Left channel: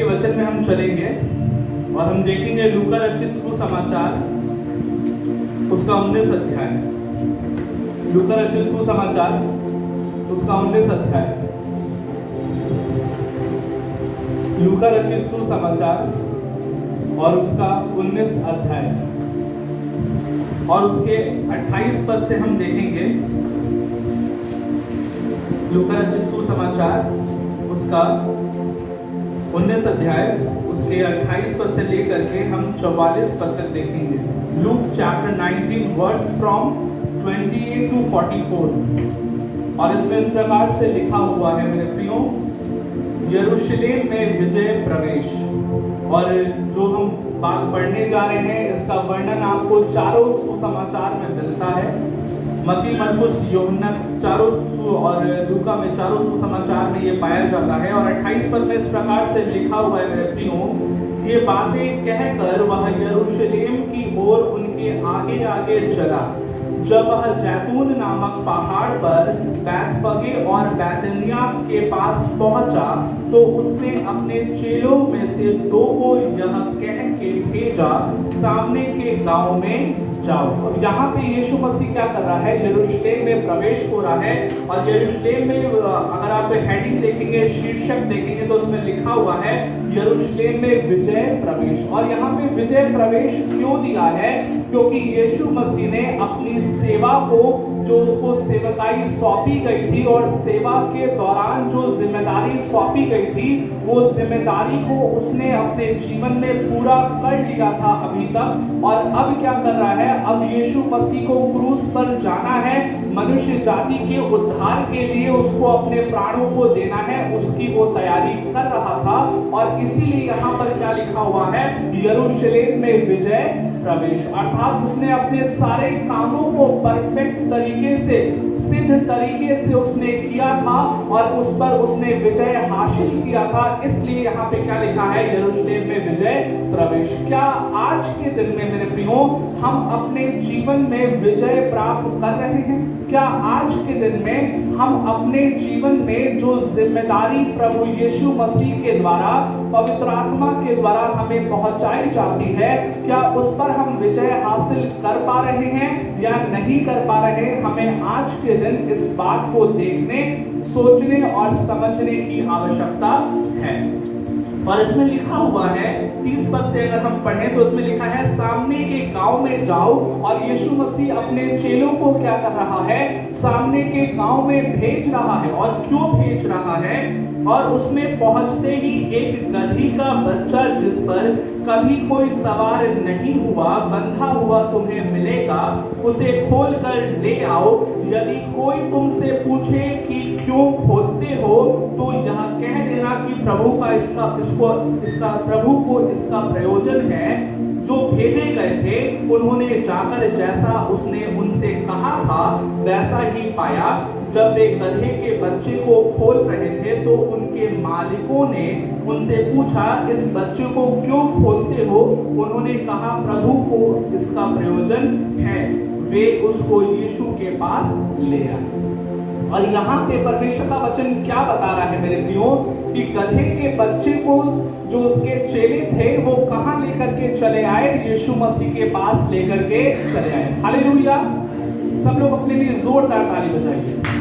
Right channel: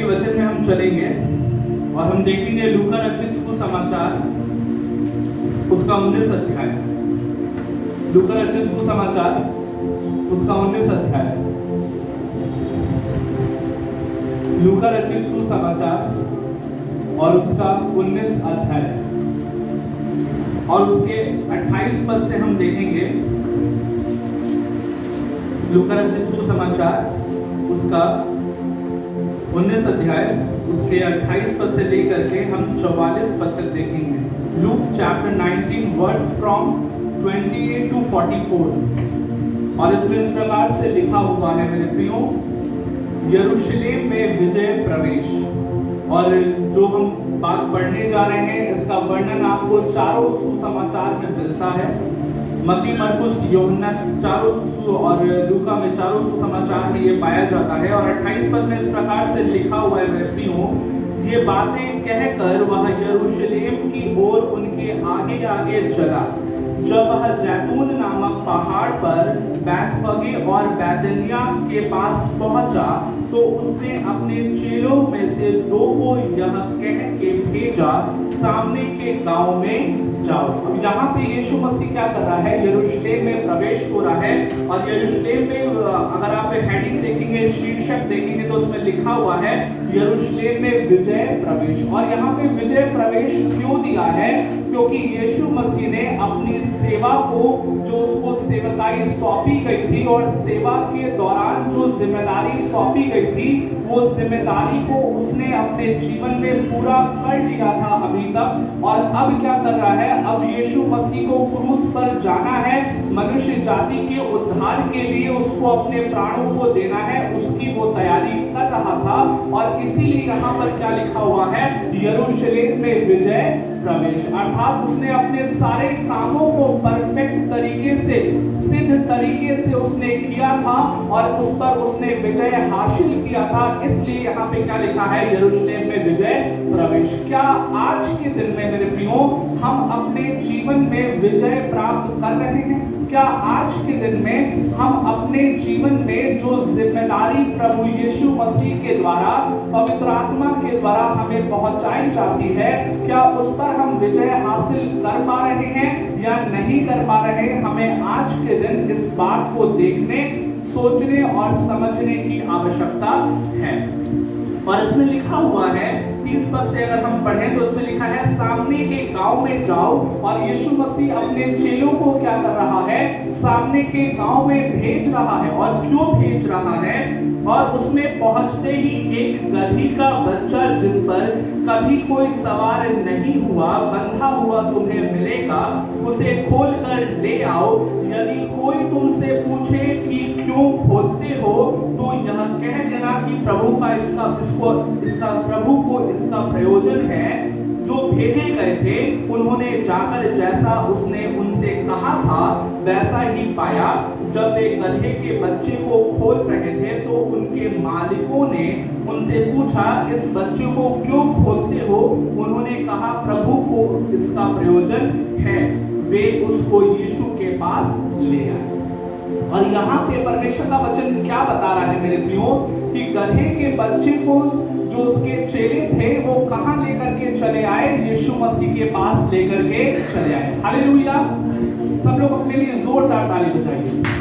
के वचन में हम चलेंगे और हम देखेंगे लूका रचित सुसमाचार उसका 19 अध्याय। लूका रचित सुसमाचार उसका 19 अध्याय। लूका रचित सुसमाचार और उसका 19 अध्याय और उसके 28 पद से हम देखेंगे। लूका रचित सुसमाचार उसका 19 अध्याय उसके 28 पद से लेकर के हम 44 पद तक देखेंगे। Luke chapter 19 verse from 28 to 44 और इसमें इस प्रकार से लिखा हुआ है मेरे प्रियो, यरूशलेम में विजय प्रवेश। और जो हम बात पढ़ने जा रहे हैं इसका वर्णन आपको चारों सुसमाचार में मिलता है। मत्ती, मरकुस, यूहन्ना चारों और लूका में चारों सुसमाचार में ये पाया जाता है। और 28 पद में इस प्रकार से लिखा हुआ है, ये बातें कहकर वह यरूशलेम की ओर उनके आगे आगे चला। जब वह जैतून नामक पहाड़ पर बैतफगे और बैतनिय्याह के पास पहुंचा तो उसने अपने चेलों में से 2 को यह कह के भेजा, सामने के गांव में जाओ। अब यहाँ पे यीशु मसीह क्या कर रहा है? यरूशलेम में प्रवेश हो रहा है। और यरूशलेम में अगर आप हेडिंग देखेंगे, शीर्षक देखेंगे तो उसमें लिखा हुआ है यरूशलेम में विजय प्रवेश। और यहाँ पे विजय प्रवेश क्यों दिया है? क्योंकि यीशु मसीह ने अपनी सेवा को, जो उसको सेवकाई सौंपी गई थी और सेवा के दौरान जो जिम्मेदारी सौंपी गई थी, वो जिम्मेदारी को उसने अपने जीवन में पूरा कर लिया था अभी तक। और अब क्या कर रहा है? अब यीशु मसीह को क्रूस पर जाना है, मनुष्य जाति के उद्धार के लिए उसको अपने प्राणों को देना है, उसकी वो तैयारी कर रहा था। और इसीलिए यहाँ पर क्या लिखा हुआ है? यरूशलेम में विजय प्रवेश। अर्थात उसने अपने सारे कामों को परफेक्ट तरीके से, सिद्ध तरीके से उसने किया था और उस पर उसने विजय हासिल किया था। इसलिए यहाँ पे क्या लिखा है? यरूशलेम में विजय प्रवेश। क्या आज के दिन में मेरे प्रियो हम अपने जीवन में विजय प्राप्त कर रहे हैं? क्या आज के दिन में हम अपने जीवन में जो जिम्मेदारी प्रभु यीशु मसीह के द्वारा, पवित्र आत्मा के द्वारा हमें पहुंचाई जाती है, क्या उस पर हम विजय हासिल कर पा रहे हैं या नहीं कर पा रहे हैं? हमें आज के दिन इस बात को देखने, सोचने और समझने की आवश्यकता है। और इसमें लिखा हुआ है 30 पद से अगर हम पढ़ें तो उसमें लिखा है, सामने के गांव में जाओ। और यीशु मसीह अपने चेलों को क्या कर रहा है? सामने के गांव में भेज रहा है। और क्यों भेज रहा है? और उसमें पहुंचते ही एक गदही का बच्चा जिस पर कभी कोई सवार नहीं हुआ, बंधा हुआ तुम्हें मिलेगा, उसे खोलकर ले आओ। यदि कोई तुमसे पूछे कि क्यों खोलते हो तो यह कह देना कि प्रभु का इसका प्रभु को इसका प्रयोजन है। जो भेजे गए थे उन्होंने जाकर जैसा उसने उनसे कहा था वैसा ही पाया। जब वे गधे के बच्चे को खोल रहे थे तो उनके मालिकों ने उनसे पूछा, इस बच्चे को क्यों खोलते हो? उन्होंने कहा, प्रभु को इसका प्रयोजन है। वे उसको यीशु के पास ले आए। और यहाँ पे परमेश्वर का वचन क्या बता रहा है मेरे प्रियो? कि गधे के बच्चे को जो उसके चेले थे वो कहां लेकर के चले आए? यीशु मसीह के पास लेकर के चले आए। हालेलुया! सब लोग अपने लिए जोरदार ताली बजाइए।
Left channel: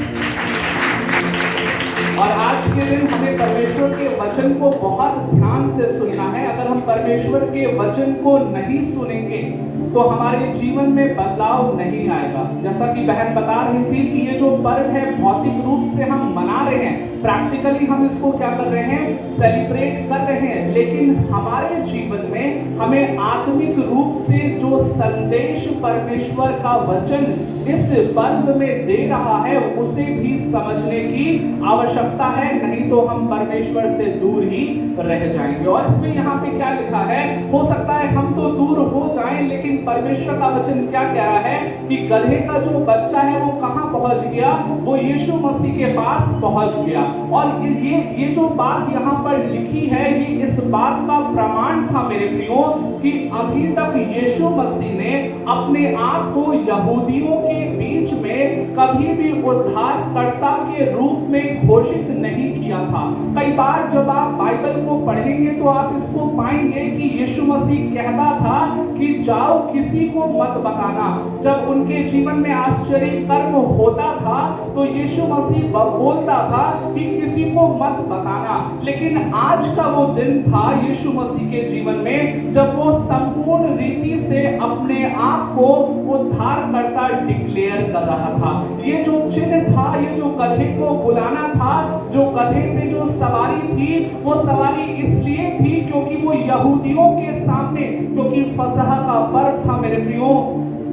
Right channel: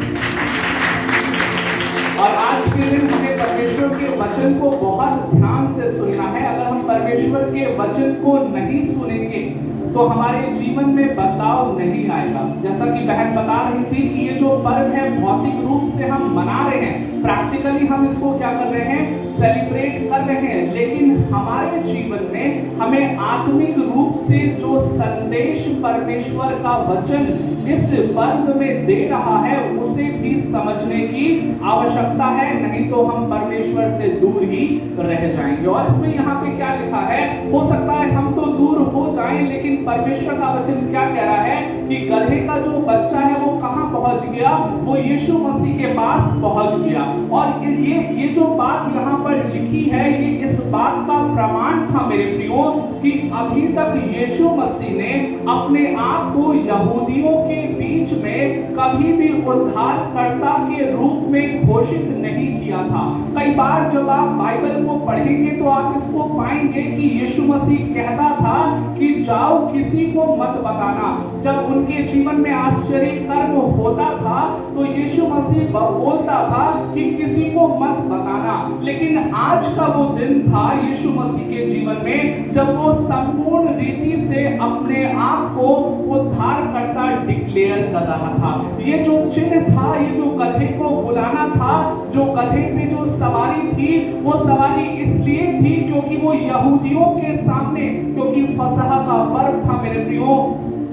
और आज के दिन हमें परमेश्वर के वचन को बहुत ध्यान से सुनना है। अगर हम परमेश्वर के वचन को नहीं सुनेंगे तो हमारे जीवन में बदलाव नहीं आएगा। जैसा कि बहन बता रही थी कि ये जो पर्व है भौतिक रूप से हम मना रहे हैं, प्रैक्टिकली हम इसको क्या कर रहे हैं? सेलिब्रेट कर रहे हैं। लेकिन हमारे जीवन में हमें आत्मिक रूप से जो संदेश परमेश्वर का वचन इस पर्व में दे रहा है उसे भी समझने की आवश्यकता है, नहीं तो हम परमेश्वर से दूर ही रह जाएंगे। और इसमें यहाँ पे क्या लिखा है? हो सकता है हम तो दूर हो जाएं, लेकिन परमेश्वर का वचन क्या कह रहा है कि गधे का जो बच्चा है वो कहां पहुंच गया? वो यीशु मसीह के पास पहुंच गया। और ये जो बात यहाँ पर लिखी है, ये इस बात का प्रमाण था मेरे प्रियो कि अभी तक यीशु मसीह ने अपने आप को यहूदियों के बीच में कभी भी उद्धारकर्ता के रूप में घोषित नहीं किया था। कई बार जब आप बाइबल को पढ़ेंगे तो आप इसको पाएंगे कि यीशु मसीह कहता था कि जाओ किसी को मत बताना। जब उनके जीवन में आश्चर्य कर्म होता था तो यीशु मसीह बोलता था कि किसी को मत बताना। लेकिन आज का वो दिन था यीशु मसीह के जीवन में जब वो संपूर्ण रीति से अपने आप को उद्धारकर्ता डिक्लेयर कर रहा था। ये जो चिन्ह था, ये जो गधे को बुलाना था, जो गधे पे जो सवारी थी, वो सवारी इसलिए थी क्योंकि वो यहूदियों के सामने, क्योंकि फसह का पर्व था मेरे प्रियो,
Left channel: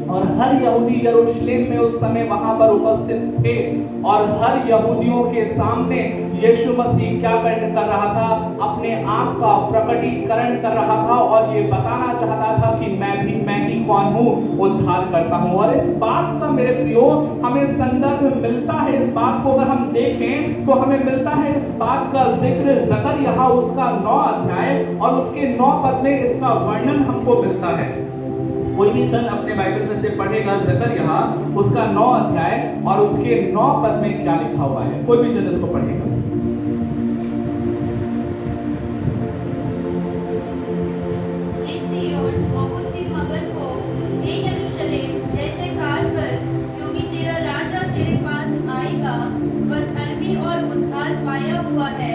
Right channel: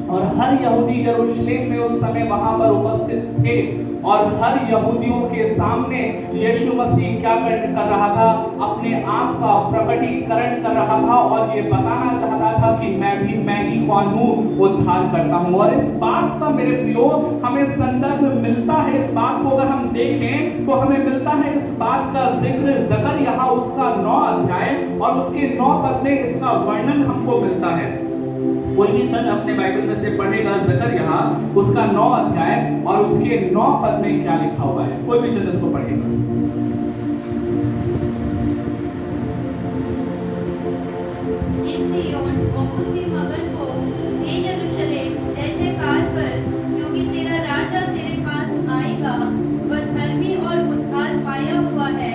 और हर यहूदी यरूशलेम में उस समय वहां पर उपस्थित थे और हर यहूदियों के सामने यीशु मसीह क्या कर रहा था, अपने आप का प्रकटीकरण कर रहा था और ये बताना चाहता था कि मैं ही कौन हूँ, उद्धार करता हूँ। और इस बात का मेरे प्रियो हमें संदर्भ मिलता है, इस बात को अगर हम देखें तो हमें मिलता है इस बात का जिक्र ज़करिया उसका 9 अध्याय और उसके 9 पद में इसका वर्णन हमको मिलता है। कोई भी जन अपने बाइबल में से पढ़ेगा ज़करिया उसका 9 अध्याय और उसके 9 पद में क्या लिखा हुआ है, कोई भी जन इसको पढ़ेगा। मगन हो, हे यरूशलेम, जय जयकार कर, क्योंकि तेरा राजा तेरे पास आएगा। वह धर्मी और उद्धार पाया हुआ है,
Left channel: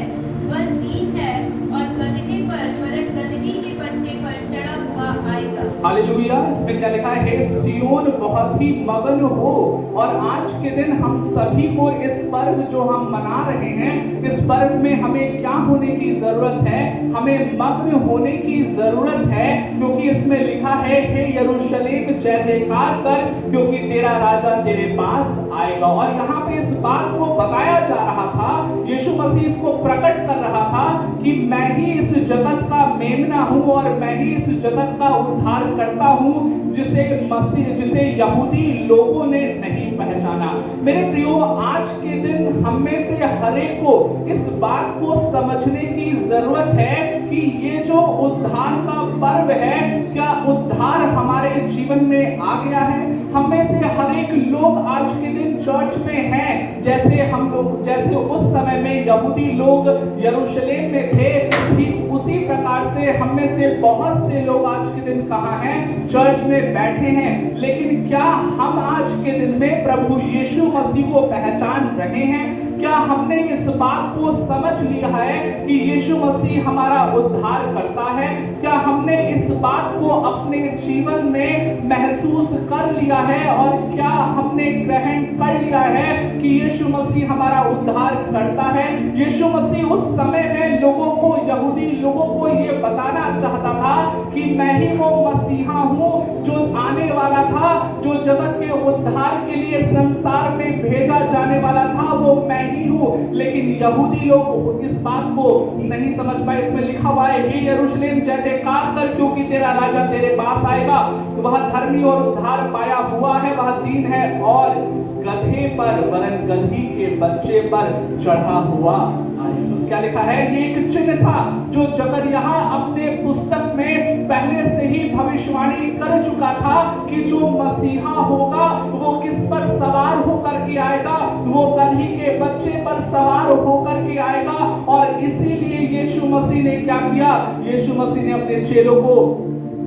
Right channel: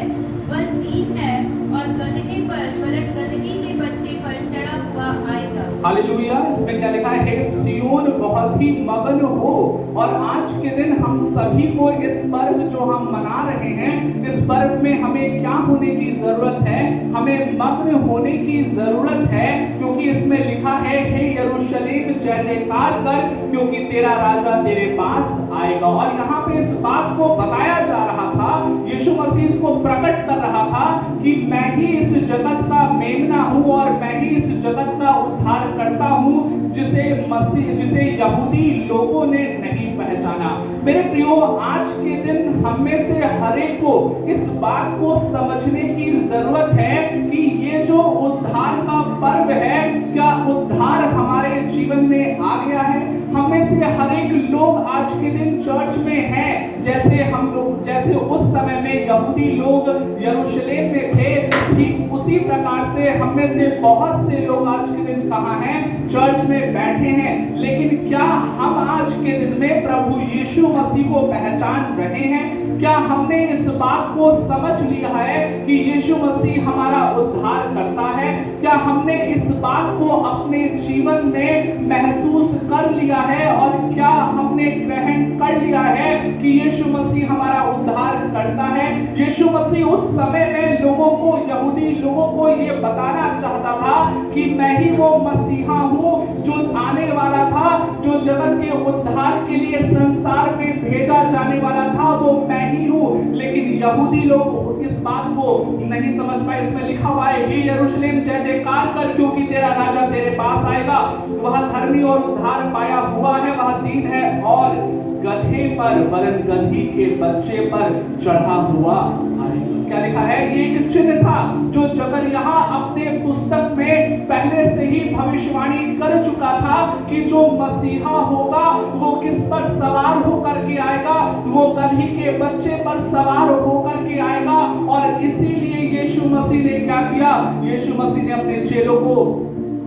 वह दीन है और गदहे पर वरन गदही के बच्चे पर चढ़ा हुआ आएगा। हालेलुया। इसमें क्या लिखा है, सियोन बहुत ही मगन हो। और आज के दिन हम सभी को इस पर्व जो हम मना रहे हैं, इस पर्व में हमें क्या होने की जरूरत है, हमें मग्न होने की जरूरत है, क्योंकि इसमें लिखा है हे यरूशलेम जय जयकार कर, क्योंकि तेरा राजा तेरे पास आएगा। और यहाँ पे इस बात को बताया जा रहा था, यीशु मसीह इसको प्रकट कर रहा था कि मैं ही इस जगत का मेमना हूँ और मैं ही इस जगत का उद्धार करता हूँ, जिसे यहूदी लोगों ने नहीं पहचाना। मेरे प्रियो, आज के दिन हम में से हर एक को इस बात को समझने की जरूरत है कि ये जो उद्धार का पर्व है, क्या उद्धार हमारे जीवन में आ गया है? हम में से हर एक लोग आज के दिन चर्च में हैं, जैसे उस समय में यहूदी लोग यरूशलेम में थे, ठीक उसी प्रकार से हम में से बहुत से लोग आज के दिन कहाँ हैं? चर्च में बैठे हैं। लेकिन क्या हम आज के दिन में प्रभु यीशु मसीह को पहचान रहे हैं? क्या हमने इस बात को समझ लिया है कि यीशु मसीह हमारा उद्धार करता है? क्या हमने इस बात को अपने जीवन में महसूस कर लिया है और क्या हमने ग्रहण कर लिया है कि यीशु मसीह हमारा उद्धार करता है? यीशु मसीह उस समय में यहूदी लोगों को ये बताना चाहता था कि मैं ही वो मसीहा हूँ जो आने वाला था, जो जगत के उद्धार के लिए संसार में भेजा जाने वाला था, वो मैं ही हूँ। लेकिन यहूदी लोग इस बात को नहीं समझ पाए। इसमें लिखा हुआ है हे यरूशलेम जय जयकार कर, क्योंकि तेरा राजा तेरे पास आएगा। वह धर्मी और उद्धार पाया हुआ है, वह दीन है और गधे पर वरन गधी के बच्चे पर चढ़ा हुआ आएगा। क्या लिखा है? ये एक चिन्ह था जो ज़करिया अपने पुस्तक में पहले से ही भविष्यवाणी कर चुका था कि जो मसीहा होगा वो किस पर सवार होकर के आएगा, वो गधी के बच्चे पर सवार होकर के आएगा। और इसीलिए यीशु मसीह ने क्या किया? यीशु मसीह ने अपने चेलों को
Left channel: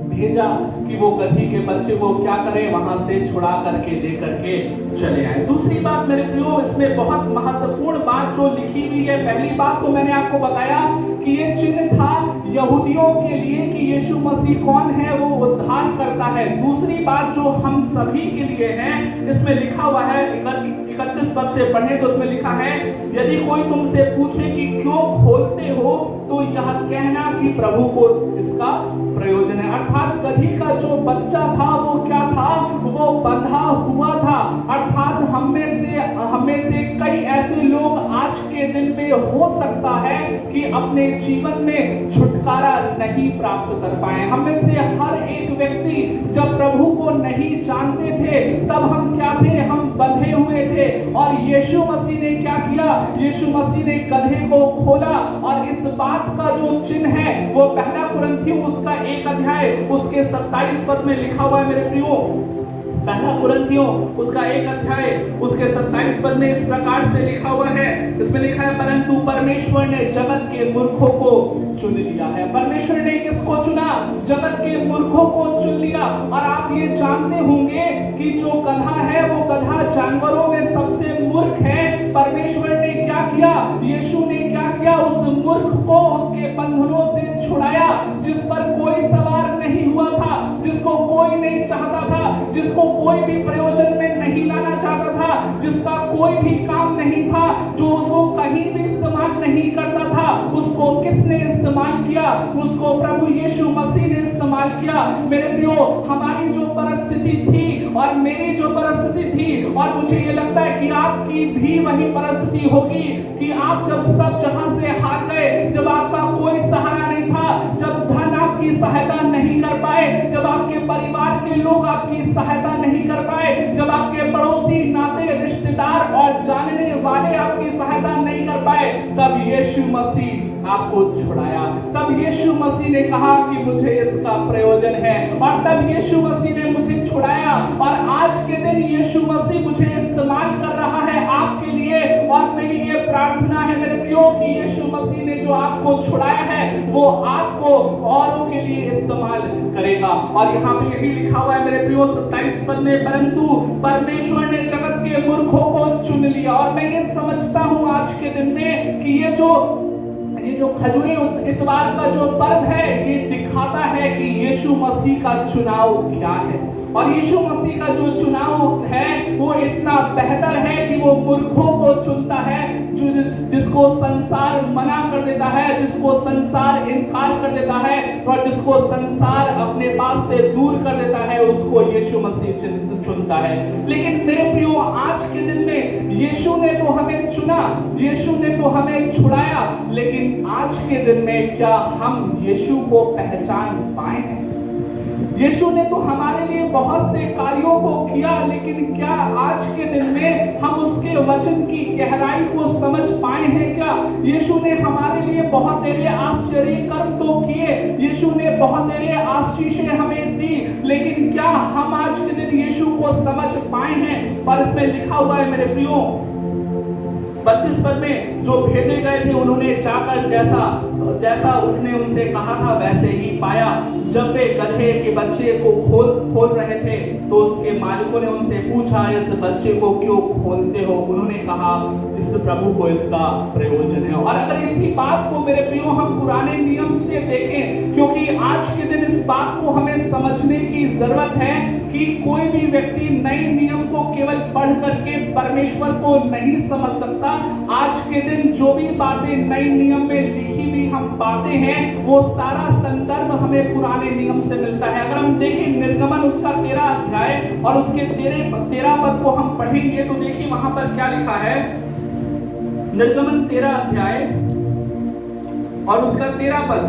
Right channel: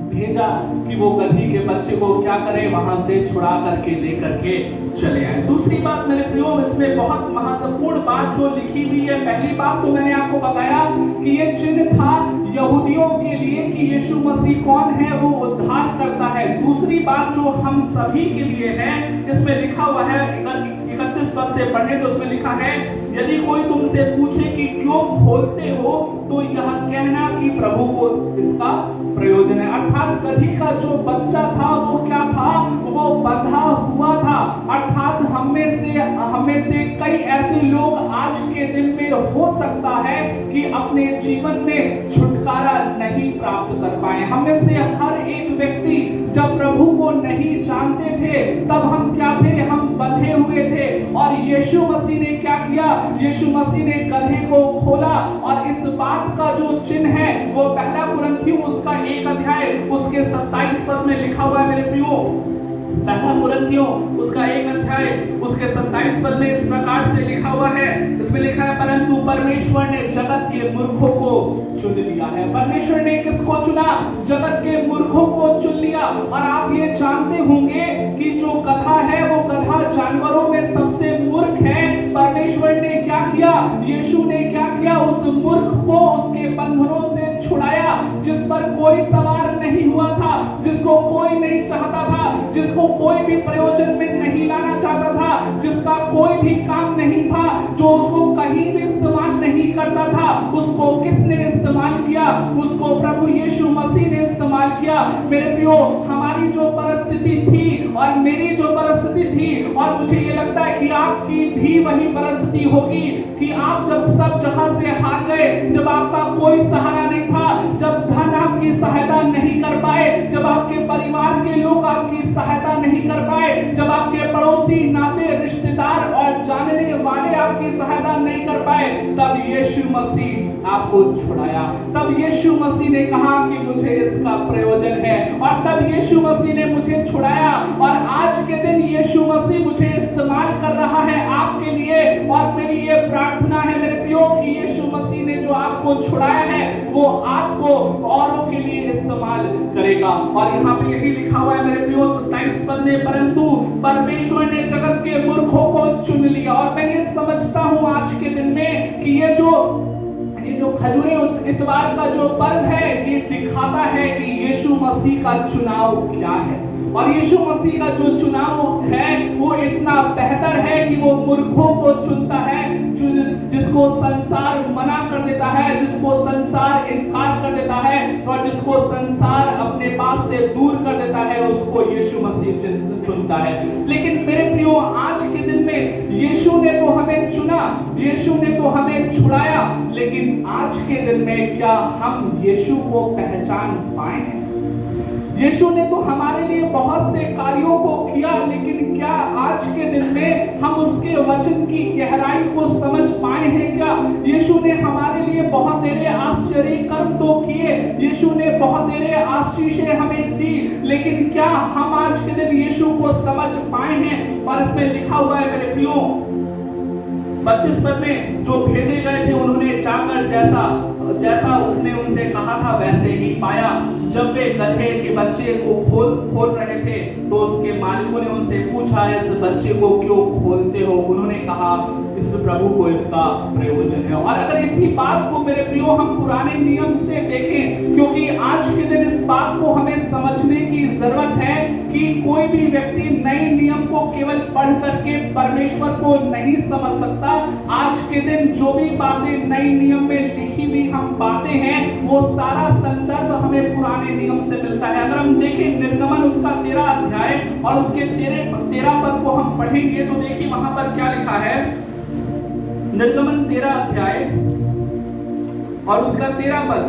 भेजा कि वो गधी के बच्चे को क्या करें, वहां से छुड़ा करके लेकर के चले आए। दूसरी बात मेरे प्रियो, इसमें बहुत महत्वपूर्ण बात जो लिखी हुई है, पहली बात तो मैंने आपको बताया कि ये चिन्ह था यहूदियों के लिए कि यीशु मसीह कौन है, वो उद्धार करता है। दूसरी बात जो हम सभी के लिए है, इसमें लिखा हुआ है 31 पद से पढ़े तो उसमें लिखा है यदि कोई तुमसे पूछे कि क्यों खोलते हो तो यह कहना कि प्रभु को इसका प्रयोजन है। अर्थात गधी का जो बच्चा था वो क्या था? वो बंधा हुआ था। अर्थात हमें से कई ऐसे लोग आज के दिन में हो सकता है कि अपने जीवन में छुटकारा नहीं प्राप्त कर पाए। हमें से हर एक व्यक्ति जब प्रभु को नहीं जानते थे तब हम क्या थे? हम बंधे हुए थे। और यीशु मसीह ने क्या किया? यीशु मसीह ने गधे को खोला और इस बात का जो चिन्ह है वो पहला कुरिन्थियों उसका 1 अध्याय उसके 27 पद में लिखा हुआ है मेरे प्रियो। पहला कुरिन्थियों उसका 1 अध्याय उसके 27 पद में इस प्रकार से लिखा हुआ है, इसमें लिखा है परंतु परमेश्वर ने जगत के मूर्खों को चुन लिया है। परमेश्वर ने किसको चुना? जगत के मूर्खों को चुन लिया। और आप ये जानते होंगे कि जो गधा है वो गधा जानवरों में सबसे मूर्ख है। परमेश्वर ने क्या किया? यीशु ने क्या किया? उस मूर्ख को उसके बंधनों से छुड़ाया, जिस पर कोई सवार नहीं हुआ था, जिसको कोई नहीं चाहता था, जिसको कोई भी प्रयोजन में नहीं लाना चाहता था, जिसका कोई भी काम नहीं था, जो उसको कहीं भी इस्तेमाल नहीं करता था, उसको किसने इस्तेमाल किया? उसको प्रभु यीशु मसीह ने इस्तेमाल किया। मेरे प्रियो, हमारी जो परिस्थिति थी और मेरी जो परिस्थिति थी, और मुझे ये लगता है कि आपकी भी वही परिस्थिति होगी कि आप जब सब जगह से हार गए, जब आपका कोई सहारा नहीं था, जब धन आपकी सहायता नहीं कर पाए, जब आपके परिवार के लोग आपकी सहायता नहीं कर पाए, जब आपके पड़ोसी, नाते, रिश्तेदार और जानने वाले आपकी सहायता नहीं कर पाए, तब यीशु मसीह आपको छुड़ाया। तब यीशु मसीह ने कहा कि मुझे इसका प्रयोजन है, और तब यीशु मसीह ने मुझे छुड़ाया। और आज के दिन यीशु मसीह मुझे इस्तेमाल कर रहा है आपके लिए। और मेरी ये प्रार्थना है मेरे प्रियो कि यीशु मसीह ने जो आपको छुड़ाया है वो आपको औरों के लिए इस्तेमाल करेगा। और यहाँ पे यही लिखा हुआ है मेरे प्रियो 27 पद में, परंतु परमेश्वर ने जगत के मूर्खों को चुन लिया। और मैं ये समझता हूँ आज के दिन में कि ये जो खजूरी इतवार का जो पर्व है, ये दिखाता है कि यीशु मसीह का चुनाव क्या है। और यीशु मसीह का जो चुनाव है वो इतना बेहतर है कि वो मूर्खों को चुनता है, जिसको संसार मना कर देता है, जिसको संसार इनकार कर देता है, और जिसको संसार अपने पास से दूर कर देता है, उसको यीशु मसीह चुनता है। लेकिन मेरे प्रियो, आज के दिन में यीशु ने तो हमें चुना, यीशु ने तो हमें छुड़ाया, लेकिन आज के दिन में क्या हम यीशु को पहचान पाए हैं? यीशु ने तो हमारे लिए बहुत से कार्यों को किया, लेकिन क्या आज के दिन में हम उसके वचन की गहराई को समझ पाए हैं क्या? यीशु ने हमारे लिए बहुत तेरे आश्चर्य कर्म तो किए, यीशु ने बहुत तेरे आशीषें हमें दी, लेकिन क्या हम आज के दिन यीशु को समझ पाए हैं? और इसमें लिखा हुआ है मेरे प्रियो 32 पद में, जो भेजे गए थे उन्होंने जाकर जैसा उसने उनसे कहा था वैसे ही पाया। जब वे गधे के बच्चे को खोल रहे थे तो उसके मालिकों ने उनसे पूछा, इस बच्चे को क्यों खोलते हो? उन्होंने कहा, इस प्रभु को इसका प्रयोजन है। और अगर इसी बात को मेरे प्रियो हम पुराने नियम से देखें, क्योंकि आज के दिन इस बात को हमें समझने की जरूरत है कि कोई भी व्यक्ति नए नियम को केवल पढ़ करके परमेश्वर को नहीं समझ सकता। आज के दिन जो भी बातें नए नियम में लिखी हुई हम पाते हैं, वो सारा संदर्भ हमें पुराने नियम से मिलता है। अगर हम देखें निर्गमन उसका 13 अध्याय और उसके 13 पद को हम पढ़ेंगे तो देखिए वहां पर क्या लिखा है। निर्गमन 13 अध्याय और उसका 13 पद,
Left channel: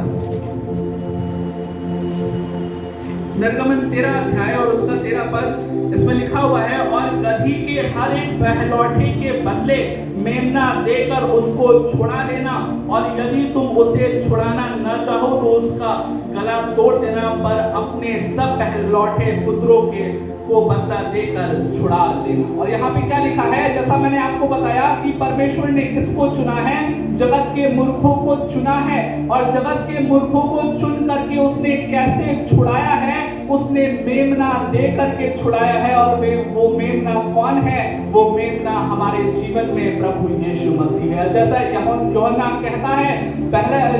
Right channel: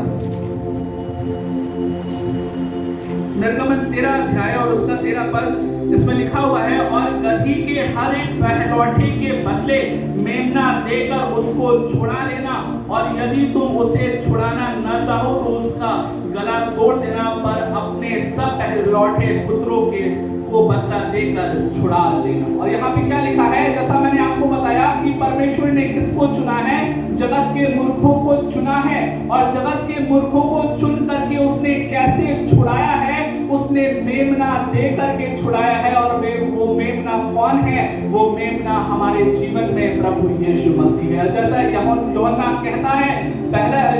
निर्गमन 13 अध्याय और उसका 13 पद, इसमें लिखा हुआ है, और गधी के हर एक पहलौठे के बदले मेमना देकर उसको छुड़ा लेना, और यदि तुम उसे छुड़ाना न चाहो तो उसका गला तोड़ देना, पर अपने सब पहलौठे पुत्रों को बदला देकर छुड़ा लेना। और यहाँ पे क्या लिखा है? जैसा मैंने आपको बताया कि परमेश्वर ने किसको चुना है? जगत के मूर्खों को चुना है। और जगत के मूर्खों को चुन करके उसने कैसे छुड़ाया है? उसने मेमना दे करके छुड़ाया है। और वो मेमना कौन है? वो मेमना हमारे जीवन में प्रभु यीशु मसीह है। जैसा यूहन्ना कहता है,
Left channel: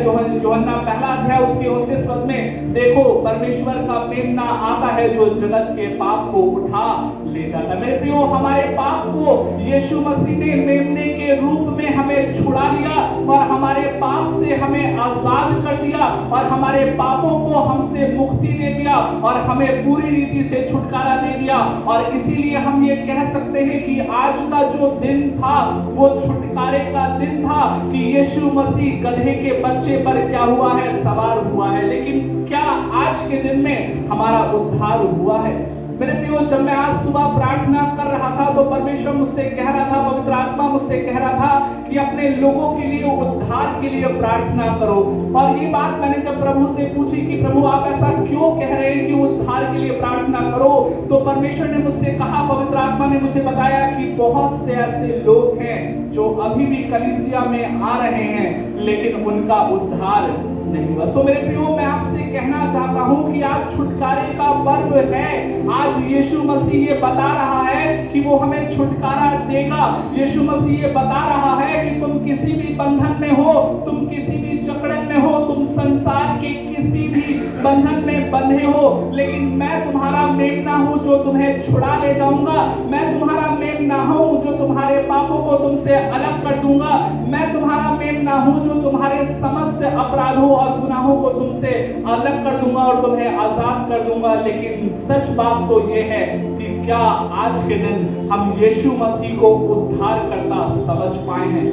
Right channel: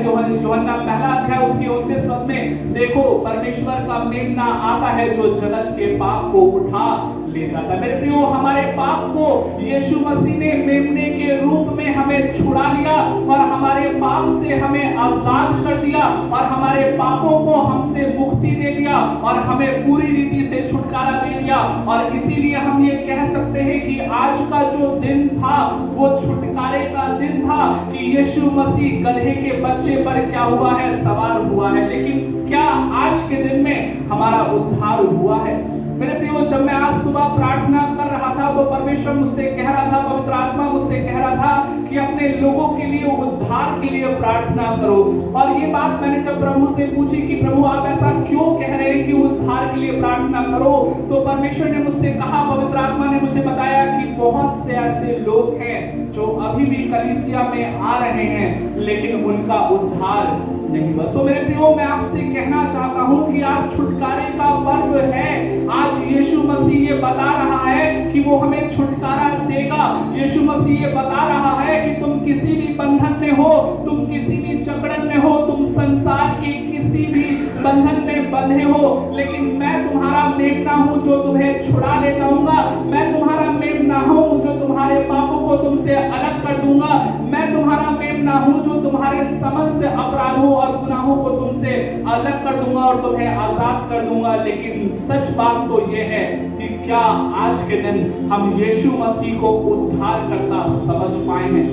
यूहन्ना पहला अध्याय उसके 29 पद में, देखो परमेश्वर का मेमना आता है जो जगत के पाप को उठा ले जाता है। मेरे प्रियो, हमारे पाप को यीशु मसीह ने मेमने के रूप में हमें छुड़ा लिया और हमारे पाप से हमें आजाद कर दिया और हमारे पापों को हमसे मुक्ति दे दिया और हमें पूरी रीति से छुटकारा दे दिया। और इसीलिए हम ये कह सकते हैं कि आज का जो दिन था वो छुटकारे का दिन था कि यीशु मसीह गधे के बच्चे पर क्या हुआ है? सवार हुआ है। लेकिन क्या आज के दिन में हमारा उद्धार हुआ है? मेरे प्रियो, जब मैं आज सुबह प्रार्थना कर रहा था तो परमेश्वर मुझसे कह रहा था, पवित्र आत्मा मुझसे कह रहा था कि अपने लोगों के लिए, उद्धार के लिए प्रार्थना करो। और ये बात मैंने जब प्रभु से पूछी कि प्रभु आप ऐसा क्यों कह रहे हैं कि उद्धार के लिए प्रार्थना करो, तो परमेश्वर ने मुझसे कहा, पवित्र आत्मा ने मुझे बताया कि बहुत से ऐसे लोग हैं जो अभी भी कलीसिया में आ रहे हैं लेकिन उनका उद्धार नहीं हुआ। सो मेरे प्रियो, मैं आपसे कहना चाहता हूं कि आज छुटकारे का पर्व है। आज यीशु मसीह ये बता रहा है कि वो हमें छुटकारा देगा। यीशु मसीह ये बता रहा है कि तुम किसी भी बंधन में हो, तुम किसी भी जकड़न में हो, तुम संसार के किसी भी बंधन में बंधे हो, लेकिन मैं तुम्हारा मेमना हूं जो तुम्हें छुड़ा ले जाऊंगा। मैं तुम्हारा मेमना हूं जो तुम्हारे पापों को तुमसे अलग कर दूंगा। मैं तुम्हारा मेमना हूं जो तुम्हारे समस्त अपराधों और गुनाहों को तुमसे अलग कर दूंगा और तुम्हें आजाद कर दूंगा। लेकिन सच बात तो ये है कि क्या आज के दिन हम यीशु मसीह को उद्धार करता समझ पाए हैं?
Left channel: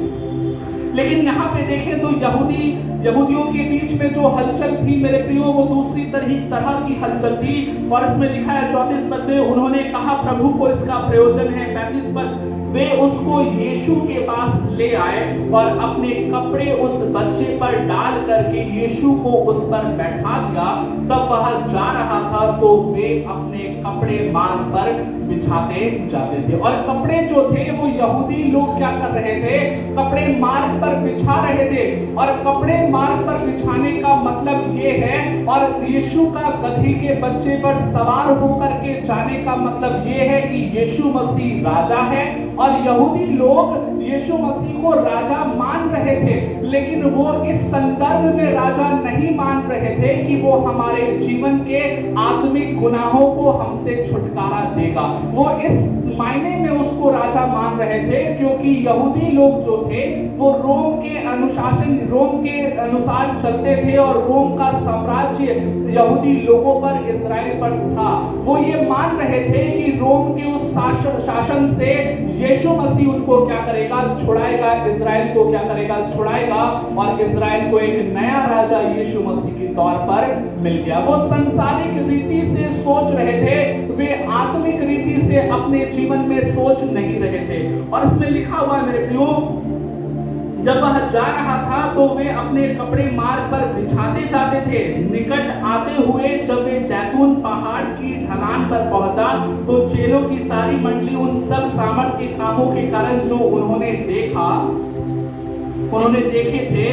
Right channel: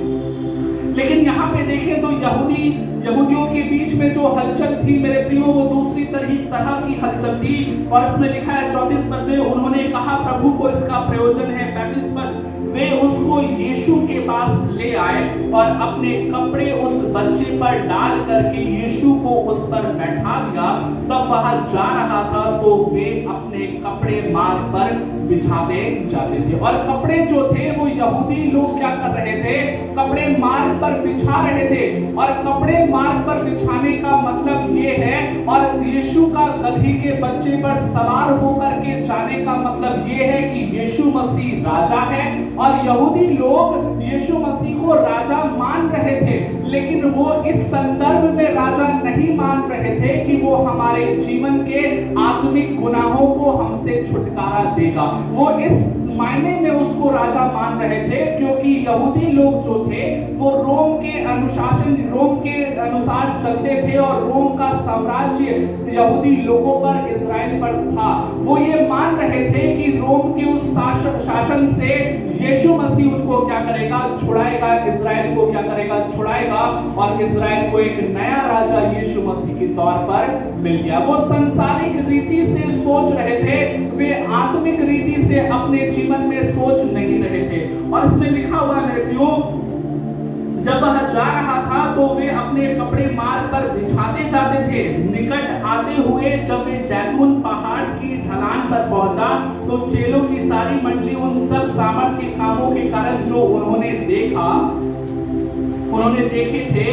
लेकिन यहाँ पे देखें तो यहूदियों के बीच में जो हलचल थी मेरे प्रियो, वो दूसरी तरह की हलचल थी। और इसमें लिखा है 34 पद में, उन्होंने कहा प्रभु को इसका प्रयोजन है। 35 पद, वे उसको यीशु के पास ले आए और अपने कपड़े उस बच्चे पर डाल करके यीशु को उस पर बैठा दिया। तब वह जा रहा था तो वे अपने कपड़े मार्ग पर बिछाते जाते थे। और कपड़े जो थे वो यहूदी लोग क्या कर रहे थे? कपड़े मार्ग पर बिछा रहे थे। और कपड़े मार्ग पर बिछाने का मतलब ये है, और यीशु का गधी के बच्चे पर सवार होकर के जाने का मतलब ये है कि यीशु मसीह राजा है। और यहूदी लोग यीशु मसीह को राजा मान रहे थे, लेकिन वो इस संदर्भ में राजा नहीं मान रहे थे कि वो हमारे जीवन के आत्मिक गुनाहों को हमसे छुटकारा देगा। वो इस मायने में उसको राजा मान रहे थे क्योंकि यहूदी लोग जो थे वो रोम के अनुसार चलते थे और रोम का साम्राज्य यहूदी लोगों पर, इजराइल पर था। वो ये मान रहे थे कि रोम के उस शासन से यीशु मसीह उनको क्या करेगा? छुड़ाएगा। इजराइल को क्या करेगा? छुड़ाएगा। और इजराइल को एक नया राजा यीशु मसीह के तौर पर मिल गया। वो संसारिक रीति से सोच रहे थे, वे आत्मिक रीति से अपने जीवन में सोच नहीं रहे थे। और इसमें लिखा हुआ मेरे प्रियो, जब वह जा रहा था तो वे अपने कपड़े मार्ग पर बिछाते जाते थे। निकट आते हुए जब वे जैतून पहाड़ की ढलान पर पहुंचा तो चेलों की सारी मंडली उन सब सामर्थ्य के कामों के कारण जो उन्होंने देखे थे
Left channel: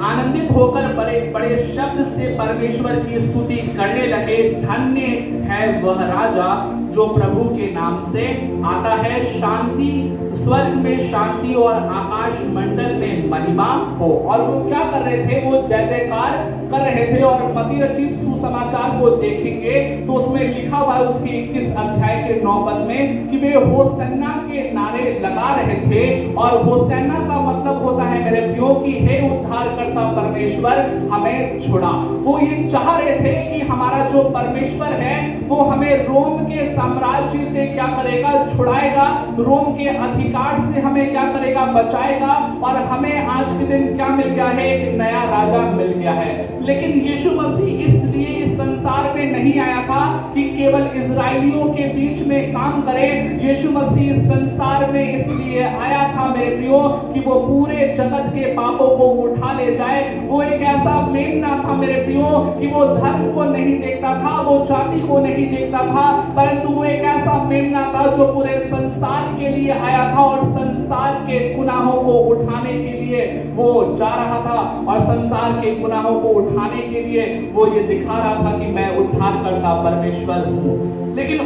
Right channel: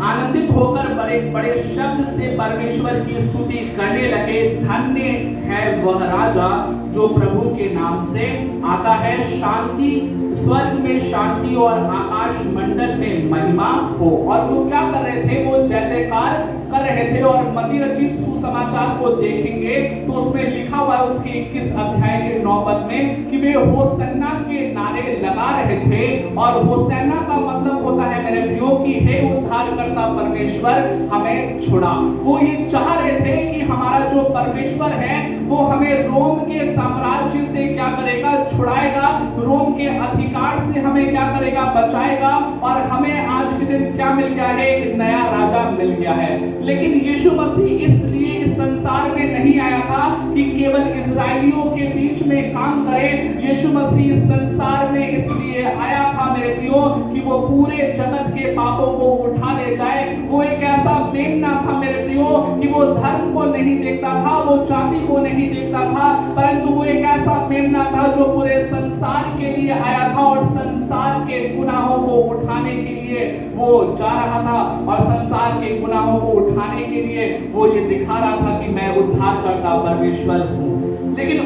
आनंदित होकर बड़े बड़े शब्द से परमेश्वर की स्तुति करने लगे। धन्य है वह राजा जो प्रभु के नाम से आता है। शांति, स्वर्ग में शांति और आकाश मंडल में महिमा हो। और वो क्या कर रहे थे? वो जय जयकार कर रहे थे। और मत्ती रचित सुसमाचार को देखेंगे तो उसमें लिखा हुआ है उसके 21 अध्याय के 9 पद में कि वे होसन्ना के नारे लगा रहे थे। और होसन्ना का मतलब होता है मेरे प्रियो कि हे उद्धारकर्ता परमेश्वर हमें छुड़ा। वो ये चाह रहे थे कि हमारा जो परमेश्वर है वो हमें रोम के साम्राज्य से क्या करेगा? छुड़ाएगा। रोम के अधिकार से हमें क्या करेगा? बचाएगा। और हमें आज के दिन क्या मिल गया है? एक नया राजा मिल गया है। लेकिन यीशु मसीह इसलिए इस संसार में नहीं आया था कि केवल इजरायलियों के बीच में काम करे। यीशु मसीह इस संसार में इसलिए आया था मेरे प्रियो कि वो पूरे जगत के पापों को उठा ले जाए। वो एक ऐसा मेमना था मेरे प्रियो कि वो धर्म को नहीं देखता था, वो जाति को नहीं देखता था, परंतु वो एक ऐसा मेमना था जो पूरे संसार के लिए आया था और संसार के गुनाहों को उठाने के लिए वो जा रहा था। और संसार के गुनाहों को उठाने के लिए वो ये दिखा रहा था कि मैं उद्धारकर्ता परमेश्वर हूँ। लेकिन